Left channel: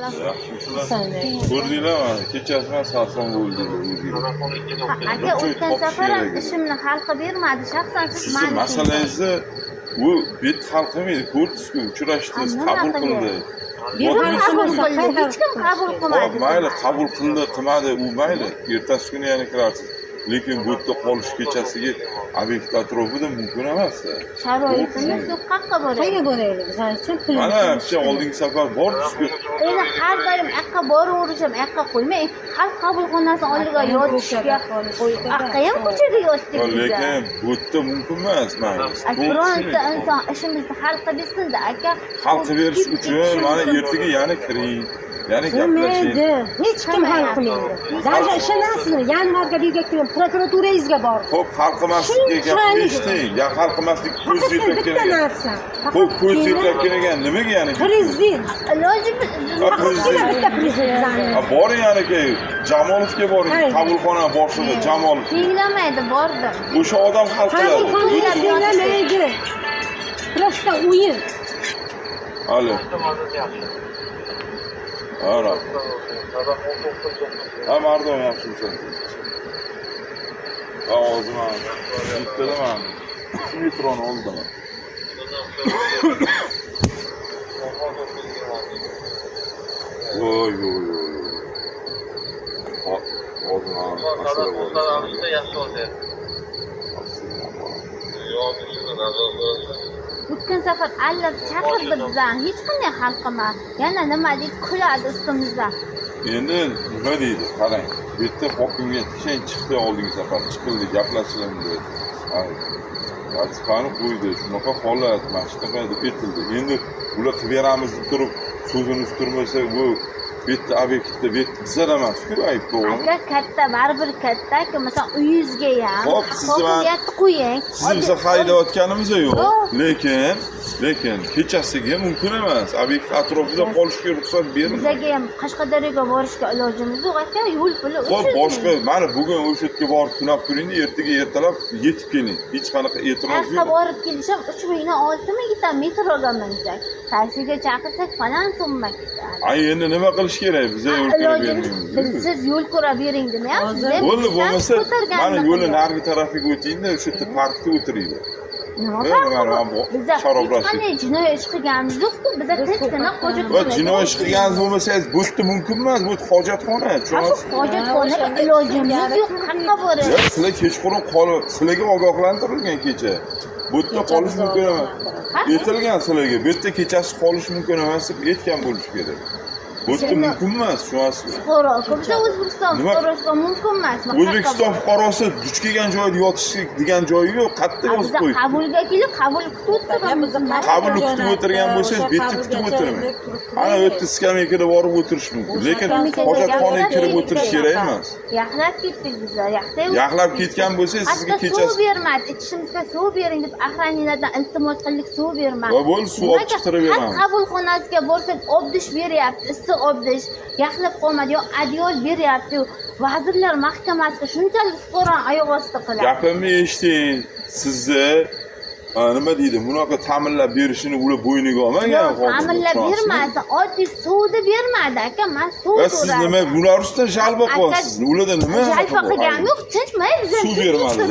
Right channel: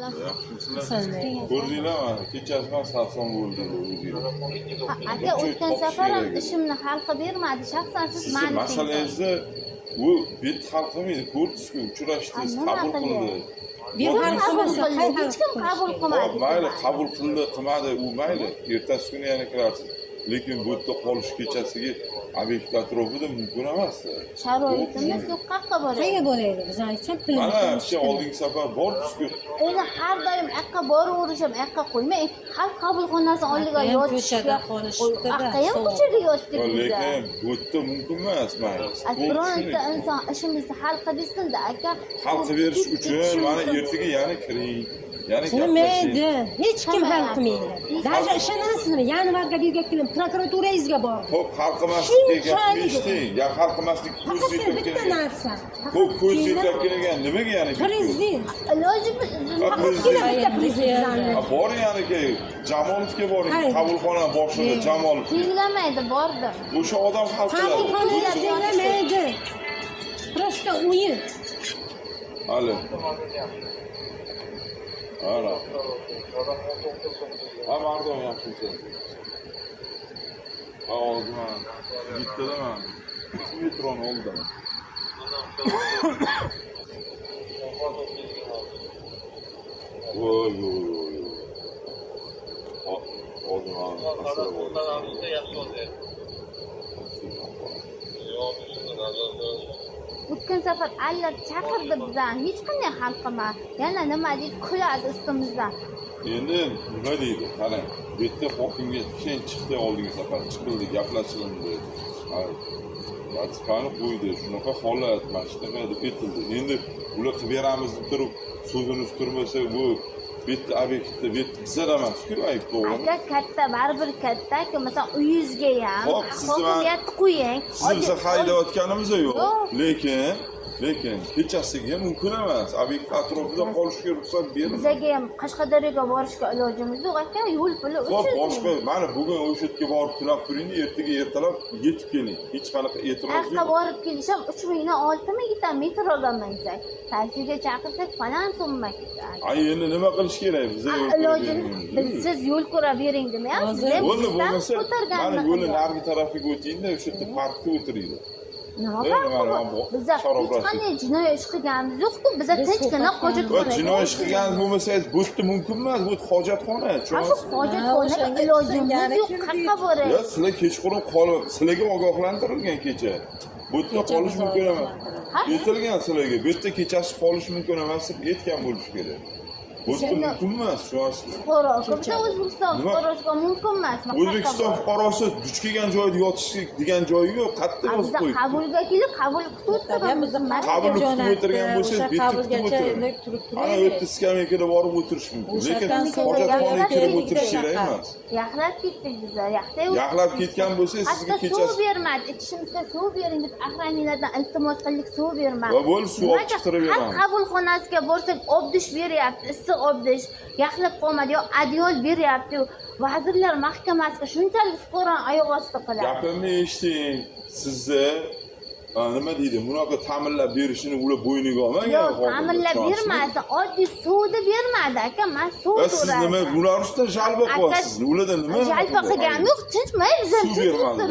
Yaxshimisizlar? Ko'rdinglarmi? Kechasi sarson bo'ldi o'zingizlar. Aka o'tgan safar ham ishimni hal qilib bermadi. Shaxsan siz Sizni masalangizni u bet hal qilmaydi. Ko'rdingizku, uchrashdingiz, qabul qildi. Hech kim qabul qilmadi. Mayli, qabul qildi, qilmadi, u mayli. Ertasi kuni yana kirarsiz. Lekin bu yerda qolish kechasiga obyekt atrofida mumkin emas. Sharoitimiz yo'q, qayerga boraylik? Qayerga boraylik? Bizning pulimiz. Mana shu oldingi safar bordingiz-ku. Endi har doim yoqqa boraverishim, yoqqa qo'ymay, xalq qabulxonasi oldiga yotishga, yoqqa ham ko'chaga yotdik. Lekin bu yerda mumkin emas, mayli. Bironta inson ishimizni hal qilib bersin-da, aka. Hal qilib berish uchun mana ertaga yana kiring. Yani Qilmaydi. Hech kim hal qilmaydi. Даже ishonasizmi? Yani marga bergan prokuraturangizga bordim. Xo'p, hal qilmaslikka gap eshiting. Ya hal qilmaslik ko'z yetkazib kelgan. Xo'p, ko'z yetkazib kelgan nimaga yani? Prezident. Iloji Bitta prezident. Boring aka, Jamolovga boring. Qabulxona boshlig'i Jamolov. tinglamaydi, bordim. O'sha odam hal qiladi. Qabulxonaga tinglamaydi. Просто o'yin. Hali. Ara. Ha, mardon yaxshimisan? Ovozim bittadimi? Metroni oldiman. Voy. Hozir O'tgan safar allab chaqirdi bizani, hech qanday hal qilmadi. Yana nima deb kuladi ustimizda. Endi nima deydi? Qarang, bu yerda hokimiyat kishan chiqdi oldingi safar, chiqildi, gaplashildi. Mana Vatikani qo'ydi, shunaqa holat, mashtaqa deb aytildi. Endi ular qilib beramiz deb turib, so'zini ustirmasa bu bitta obyektda bizlar emas-ku, ayb to'g'rimi? Aka katta, baribir katta-ku, masalan, uyingizga ham Hop, sizni qo'ying. Sizni biza haydayotganimiz yo'q. Lekin kechasiga mumkin emas. Obyekt atrofida qolishga ruxsat berilmaydi. Bizga ham Qashqadaryoga borishga ilojimiz yo'q, aka, yo'l puli Xo'p, boshqa, mana bugun o'sha yerga borib tunab turing-da, ertaga ertalab yetib keling. Hech qanaqa e'tiroz yo'q. yo'q. borib kelishim 3600 metroga minsak, taksiga chaqirsak falan so'mma ketadi. Ay, endi nima qilish kerak? Biz yo'l ko'rib bermaymiz. Siz yo'l ko'rib bering demayapsiz. Bo'ldi, bo'lmasa mana yo'lni narigi tarafiga o'tingda, o'sha yerda parkda o'tiringlar. Nima Biza hech qanday jinoiy ish qilganimiz yo'q-ku, biza tinchgina hojatxona. Va jinoiy ish qilganingiz bo'lmasangiz, bu yerda mumkin emas, bu hojatxona. Hojatxonaga ilojimiz yo'q, qayerga boramiz? Sizlar kechqurun qolib, sizlarga ogohlantirilgan kecha. Bu yerda qolish mumkin emas. Aytilgan sizlarga, bu yerda kechasi qolish mumkin emas deb aytgan bo'lish kerak. Bu yerda mumkin emas, tushunasizmi? Biza O'zbekiston fuqarosiga mumkin emas. O'zbekiston fuqarosi duch kelgan joyda yotish degan joyi yo'q, qayerda yozib qo'ydi. Qabulga kelib, qabul kutib o'tiramiz. Qabulni kutib o'tirgan bo'lsangiz, bu yerda kutib o'tiring. Ana bu yerda skameykaga borib o'tirish mumkin, lekin hojatxonaga kirib o'tirish kerak emas. Yaxlab ketdik biza, yaxlab ketgan bo'lsangiz, sizga kechasi suv bermadi, ichishimizga suv bering deb ahraniylardan iltimos qildik, suv bermadi. Va bo'ldi, suv olib chiqarib beramiz. Qabulxonasiga borsak, obdish beryapti, issiq obdish, yaxlab qolmadi, yo adyol beryapti. Vazirlar mahkamasiga shunchalik fuqaroni oyoq ostida qiladi. Gapimni eshiting. Sizni nima deydi? Bunaqa ta'minlab berishini ular bo'yniga olmagan hozir. Ta'minlab bermadi, oddiy suvni bermadi, aka. Men suv va siz nima bular ustidan jalba qilyapsiz? Ularda nima? Jalba qilganim yo'q, tinchmay biz suv bermadi.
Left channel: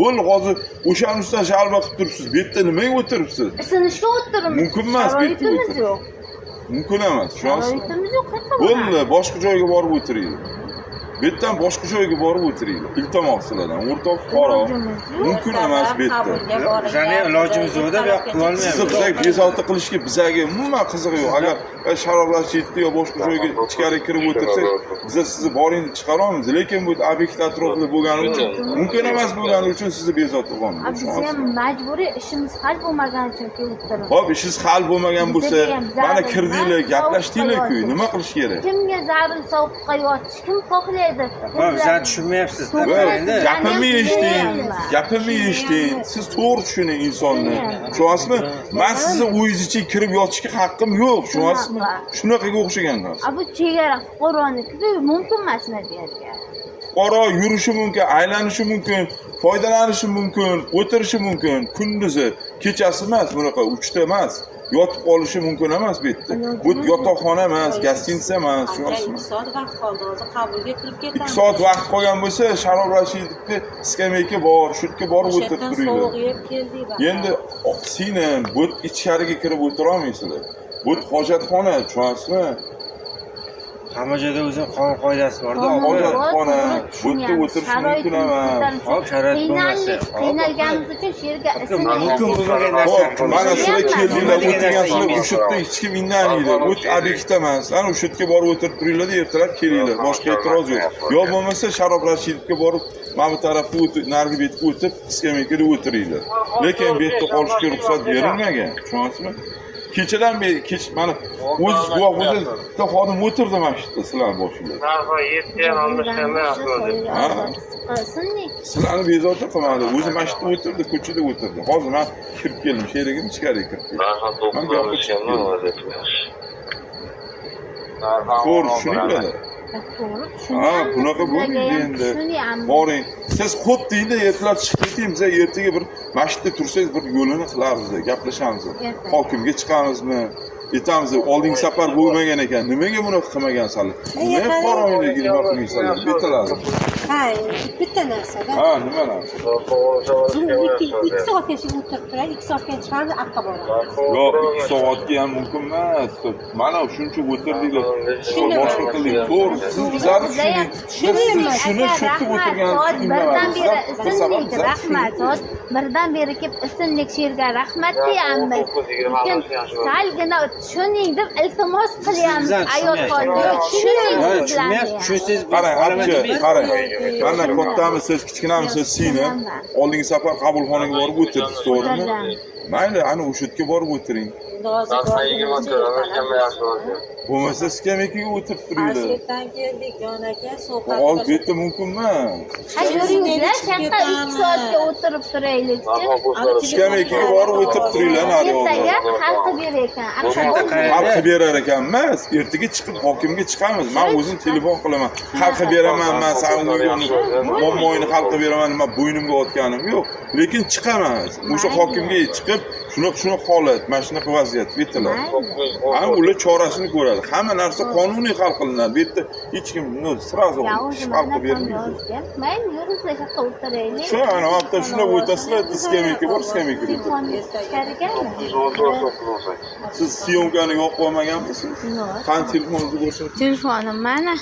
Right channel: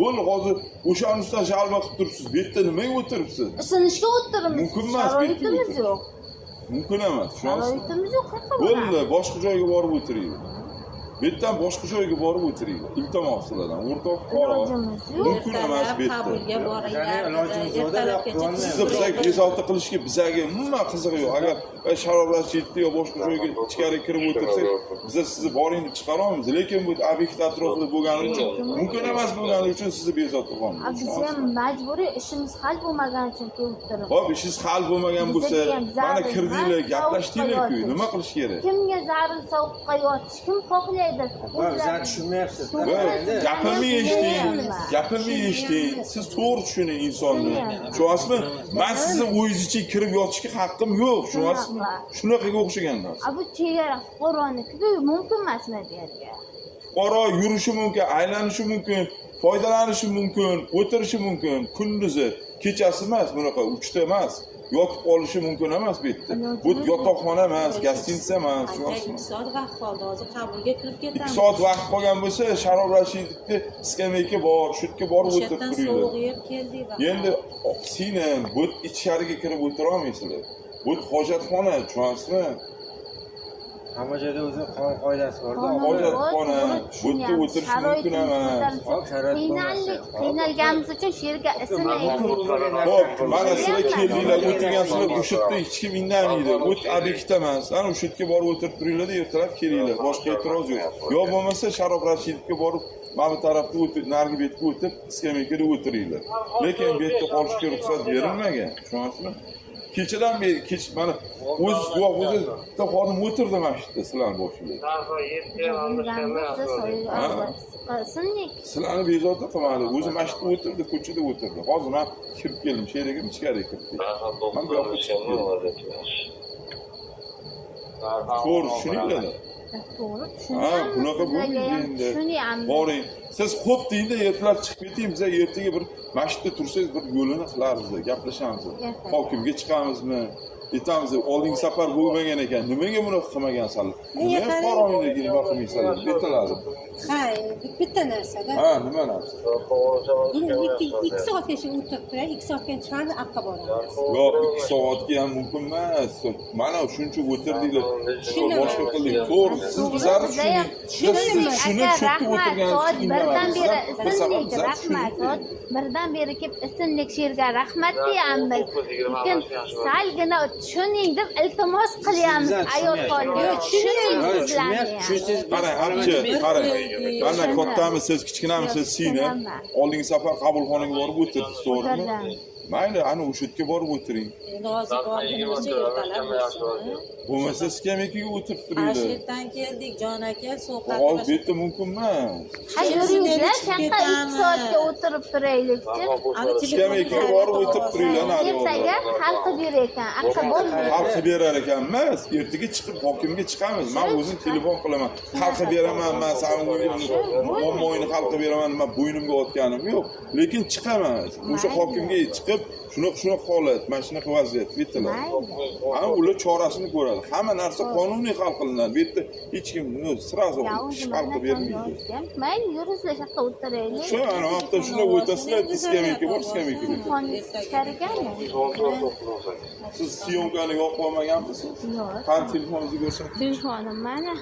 Bo'ldi, hozir o'shaning ustidan jalba qilib turibsiz. Bu yerda nimaga o'tiribsiz? Isinishga o'tiribmiz. Mumkin emas, bu yerda o'tirib. Mumkin emas, tushunasizmi? Bo'ldi, boshqa joyga borib o'tiringlar. Bu yerdan boshqa joyga borib o'tiringlar. Iltimos sizlardan, o'rtoq fuqaro. Mumkin emas bu yerda. Bizning ilojimiz yo'q-da, bu yoqqa qilolmaymiz. Sizni bizga bezovta qilishga bizga umuman qizig'i yo'q. Agar sharoblashyapti yo boshqa joyga ichkari kirib o'tirsak, biz sizni boring chiqara olamiz. Lekin bu obyekt atrofida bo'lgani uchun, mumkin emas bo'lgani uchun sizni bezovta qilamiz. Biz ham majburiy ishimiz hal bo'lmagani uchun kelib turibmiz. Xo'p, ishingiz hal bo'lmagan bo'lsa, mana kirdinglar, gaplashdinglar-ku, nima qilish kerak? Kimga zarur sovuqqa yotish, kim xohlaydi? Bizani tushunmayapsiz-da. Gapimni eshiting. Siz to'g'ri tushuning insonni. Tushunasizmi? Men sizni uyingizga kirib yotishga haqqim yo'q, tushunasizmi? Shunaqaga o'xshagan narsa. Bu chegara fuqaroniki mumkin emasmi deyapti. Fuqaro yurishi mumkin, aylanishi mumkin, foydalanishi mumkin, o'tirishi mumkin. Kunduzi, kechasi emas, bunaqa 3 ta emas. yotib qolishi mumkin emas bu yerda. Bu yotoqxona emas, gostinitsa emas, tushunyapsizmi? 2 soat vaqt qoldi, hozir qabulga kirib ketamiz. 2 soat vaqt qolgan bo'lsa, Sharof Rashidovga skameyka bor, shu yerga borib o'tirib turinglar. Sovuq yeb keldik. Endi singlim, bu ichkariga kirib o'tira olmaysizlar. Bu hojatxona, tushunyapsizmi? Hamma joyda o'zining qonun qoidasi bor-da, opa. Hojatxona, bu yerga o'tirish mumkin emas. Hop, sharoit bo'lmasa. Qiynalganimiz uchun shu yerga Mumkin bo'lmagan narsa Mana sizlar keldinglar, Bo'lmagan narsa o'tirgansizlar, yemaysiz. o'sha yerda hech kim indamaydi. O't obyekt emas. Ana o'sha yerga borib o'tirib turinglar-da, ertalab kelinglar. Boshqa e'tiroz yo'q. Yo bo'lmasa Sharof Rashidovga borib, mana bu tarafga o'tib, narigi betga o'tib, skameykada o'tiringlar. Lekin bu yerda qolishga ruxsat berilmagan. Tushunyapsizmi? Kechadan beri mana o'z guvoh bo'lsangiz, bitta xodim o'tirdi mana shu yerda sizlar boshinglar. Sizlarni bezovta qilmadi. O'zi mana shu yerda o'tirdi, ko'chada o'tirdi. Hozir men kirib keldim, sherigim ichkariga kirib keldim. Men gapga chiqib keldim. To'g'ri, tushuninglar. Ha, bunaqa bo'lmaydi endi. Boring. Siz xo'p deydi, ertalab chiqib keting, biz ertaga bir masjidda tursangiz bir yo'lini qilamiz, gaplashamiz. Hokimga chiqamizmi? Aytamiz, oldingi safar bo'lmagan ekan. Nimaga buni qilmagansanlar? Nima qo'rg'oninglar nima qilmaysanlar? Bittalarni. Ha, bitta narsada. Ha, nima narsa? 2 soatga shu o'tirib turay, 2 soatdan chiqadi, aqqa boradi. Yo, 2 soatga ham mumkin emas. Mana shuncha o'tirdinglar. Boshqa qilding. To'g'ri, siz bizlarni tushunib, shuni soat birdan beri isindik, tushunib rahmat. Soat birdan beri kelib isindik, shu yerga rahmat deyapmiz. Lekin salgina tushuning deb iltimos qilyapmiz ayol xonimga. Tushuning sizlarni. Tushunsiz, qarang, qarang. Mana kattamisiz, kichkinamisiz singlim. Oldingi safar qabulxonaga borib o'tirdik, to'g'rimi? Mayli, ana o'sha yerga borib o'tiring. Bo'lmasa skameykaga o'tirib turinglar. Toshkentdan keldik, jon aka, sovqat. Hozir bu yerda mumkin emas. Yuringlar, chaqqa 2 soatga o'tirib turaylikchi. Skameykaga borib o'tirib turinglar, nari Ertaga xalqi ber ekan. xalqi berar ekan emas, ertaga chiqib hokimga chiqamiz. Men o'zim telefon qilaman. Xalqi beraman, men mo'moyni xalqi beraman, nima bo'ynimga otganim yo'q. Lekin chiqamiz. O'sha hokimga chiqib, shuni holat, mana shunaqa vaziyat bittalar. Ham ular chorasini ko'radi. Hamma narsa qonuniy hal qilinadi. Bu yerda hech kim srazu xalqi bermaydi. Mayli, yuringlar, chaqqa o'tiraylik. Shu ana hafta shunday o'tasizlar, skameyka bor, skameyka o'tiradi. Siz syomkani yo'q qo'ymaganmisiz? Qani telefoningizni ko'rsating. Telefonim mana.